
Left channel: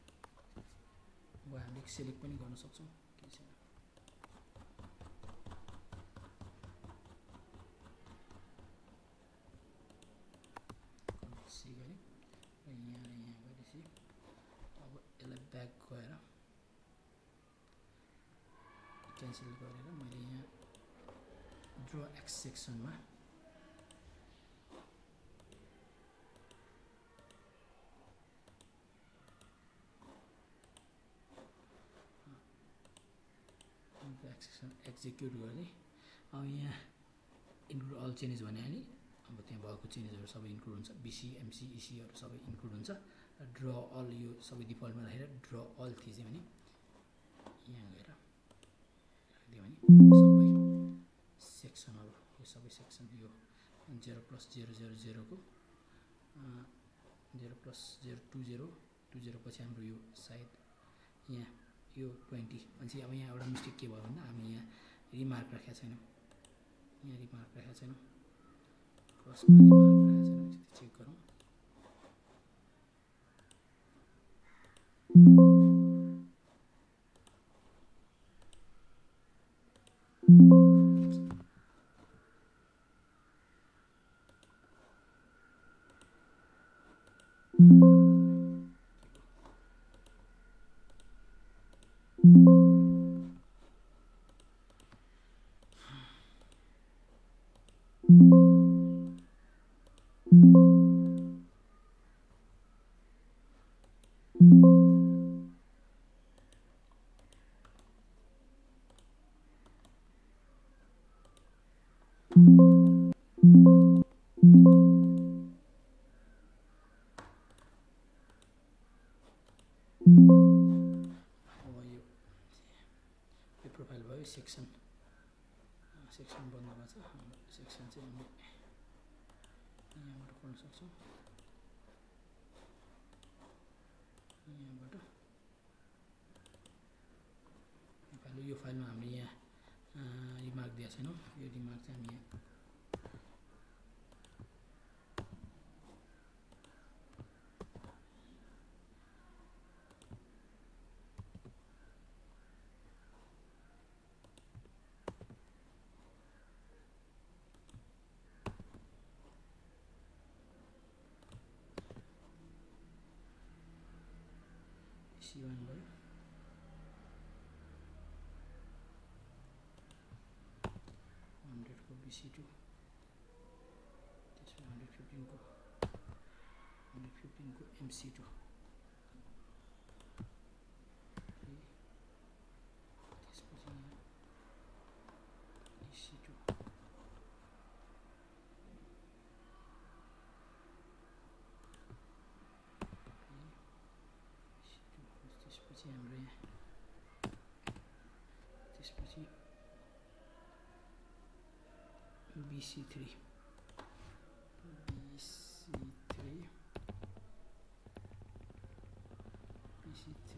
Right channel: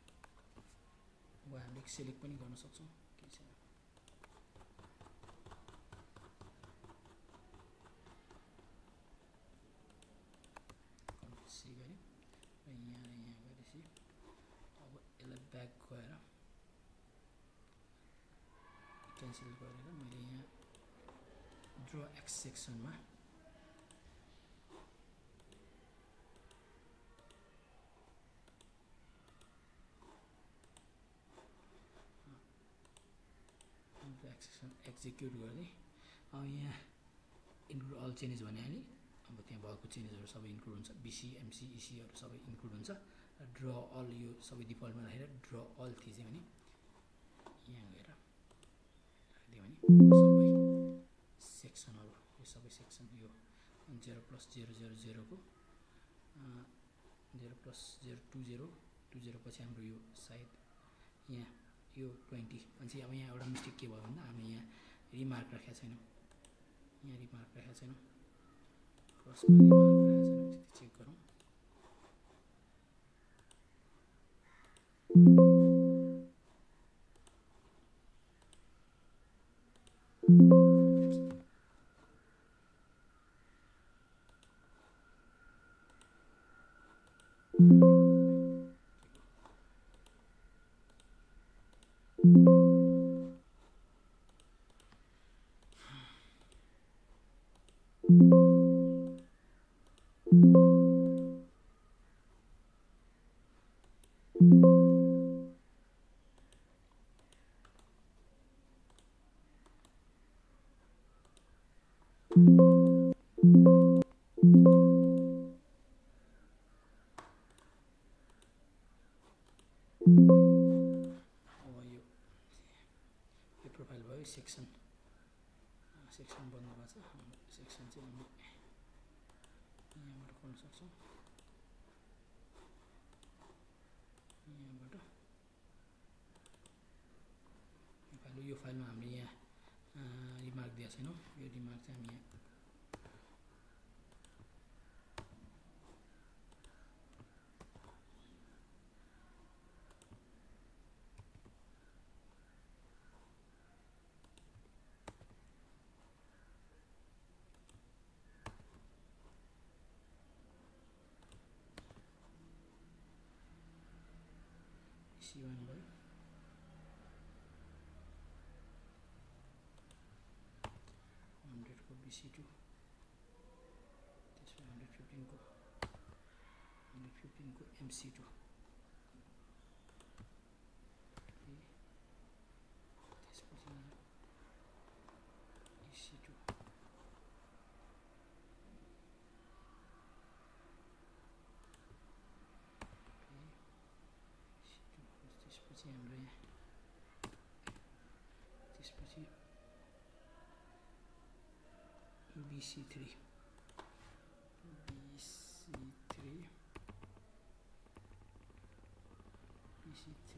अब हामीले सेलेक्ट पनि गर्न सक्छौँ केही छैन सी गरेँ र यहाँ गरेपछि अब यसलाई ब्याक गएर क्यान्सल गरेर मैले यहाँ ड्र एक्स सेक्सनमा एक्जिक्युट गर्दै अब यहाँ इन्क्लुड अल चेन्जेस भनिहालेँ अब त्यहाँ भएको चेन्जेसहरू सबै इन्क्लुड हुन्छ BC MC ECहरू सबै इन्क्लुड हुन्छ ड्र अल यो सबै डिफल्टमा राखेर ड्र अल थिचेँ भने यहाँ गएर राखिदियो भने सबै सेक्सनहरू यो सबै सेक्सन यो 0+000 को 0+020 पछि हाम्रो यो सायद यहाँ यो 20 अनि अब यहाँ एउटा मिस्टेक के भयो भन्दा हामीले यहाँ रिमार्क राखेका छैनौँ यहाँ रिमार्क राखेका छैनौँ क्रसमा रिमार्क राखेका छैनौँ चेक गरौँ हाम्रै सेक्सन बन्द भएको छ। हाम्रो सेक्सन चाहिँ हामीले यहाँबाट खोल्न सक्छौँ। यहाँबाट यो फाइलमा हामीले यहाँ रिमार्क दिएको छैनौँ। यो रिमार्क चाहिँ हामी यहाँ C1 भयो, 100 को BC2, त्यसपछि 115 को MC2, त्यसपछि यहाँ EC2, त्यसपछि हाम्रो यहाँ त्यसपछि BC3, MC3, EC3,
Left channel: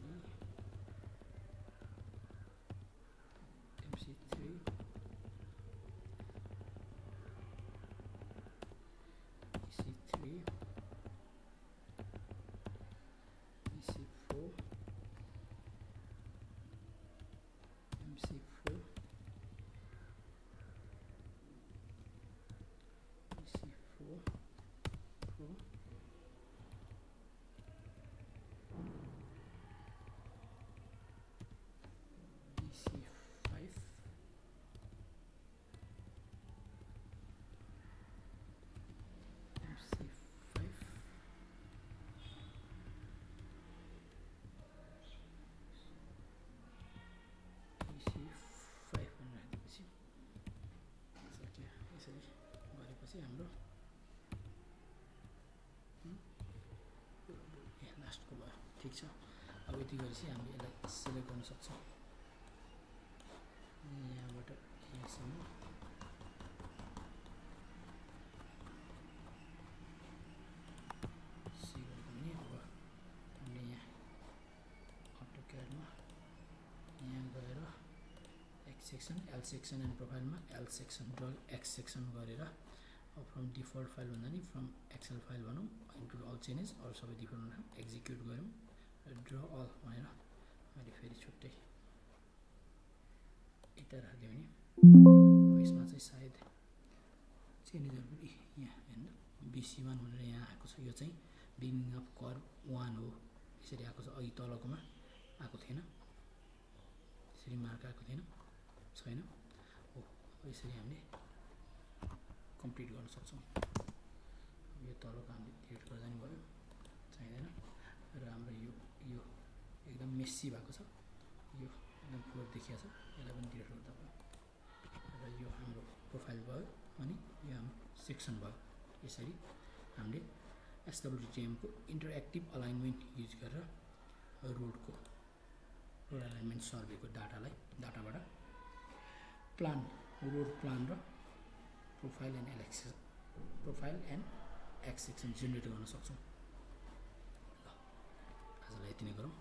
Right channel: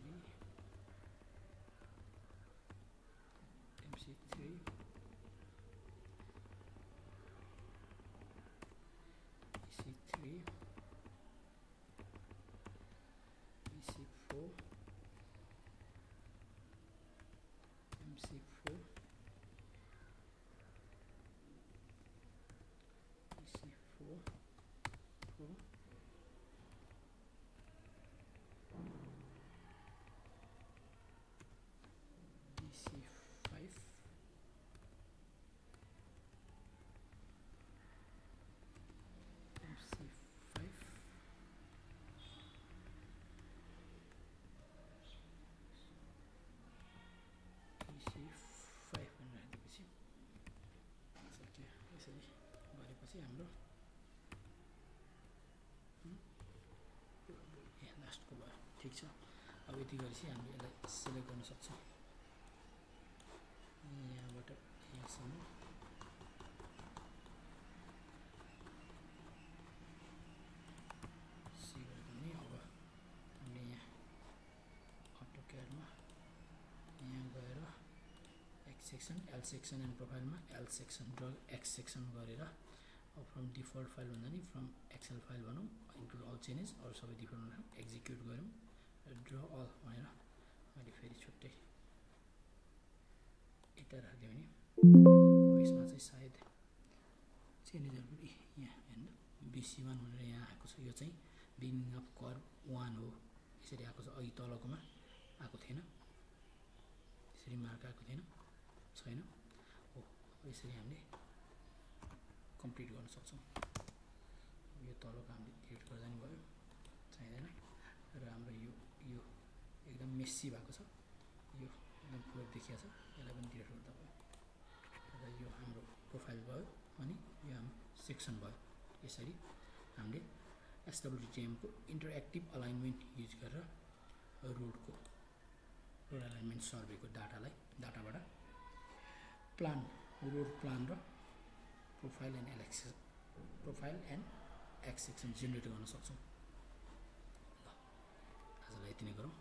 BC4, MC4, EC4, Pro, BC5, MC5, EC5 भनेर राखिदिएपछि सक्यो। यसरी गरेपछि हाम्रो लास्टको भयो। ठिक छ, अब यति गरेपछि हामीले यसलाई सिलेक्ट गर्न सक्छौँ। यहाँबाट यहाँसम्म सिलेक्ट गर्ने। अब हामीले यहाँ अटोक्याडमा यहाँ गएर X section, L section and प्रोफाइलमा L सेक्सन र X सेक्सन गरेर फ्रम डिफल्ट फाइल भन्दा नि फ्रम एक्सेल फाइल भनौँ, इन्क्लुड अल चेन्जेस, अरू सबै डिफल्ट भनौँ, एक्जिक्युट गऱ्यौँ र ड्र अल भनेर मैले फेरि छुट्टै यता राखिदिएँ भने अब यसमा चाहिँ सायद चेन्जेसहरू पनि यहाँ हेर्नु BC1 भनेर यहाँ आएको छ। यो चाहिँ बिगिनिङ अफ कर्भ 1 हो, यसरी आएको छ। अघि तलकोमा आएको थिएन, यसरी मार्क आएको छैन हो। यसरी हामीले कम्प्लिट गर्न सक्छौँ। यो तलको हामीले डिलिट गर्दा नि भयो, चाहिँदैन। र हाम्रो यो एकदम मेसी भएको छ, यो एकदम फ्लोर देखिएको छ, यसलाई पनि डिलिट गर्दा भयो। र यो हाम्रो प्रोफाइल भयो अनि यो हाम्रो सेक्सन भयो। यसरी हामीले SWTM को इन्टरएक्टिभ अलाइनमेन्ट युज गरेर रोड अलाइनमेन्ट सर्वेको डाटाबाट रोड प्लान र profile and x section generate गर्न सक्छौँ। ल आजलाई यति नै गरौँ।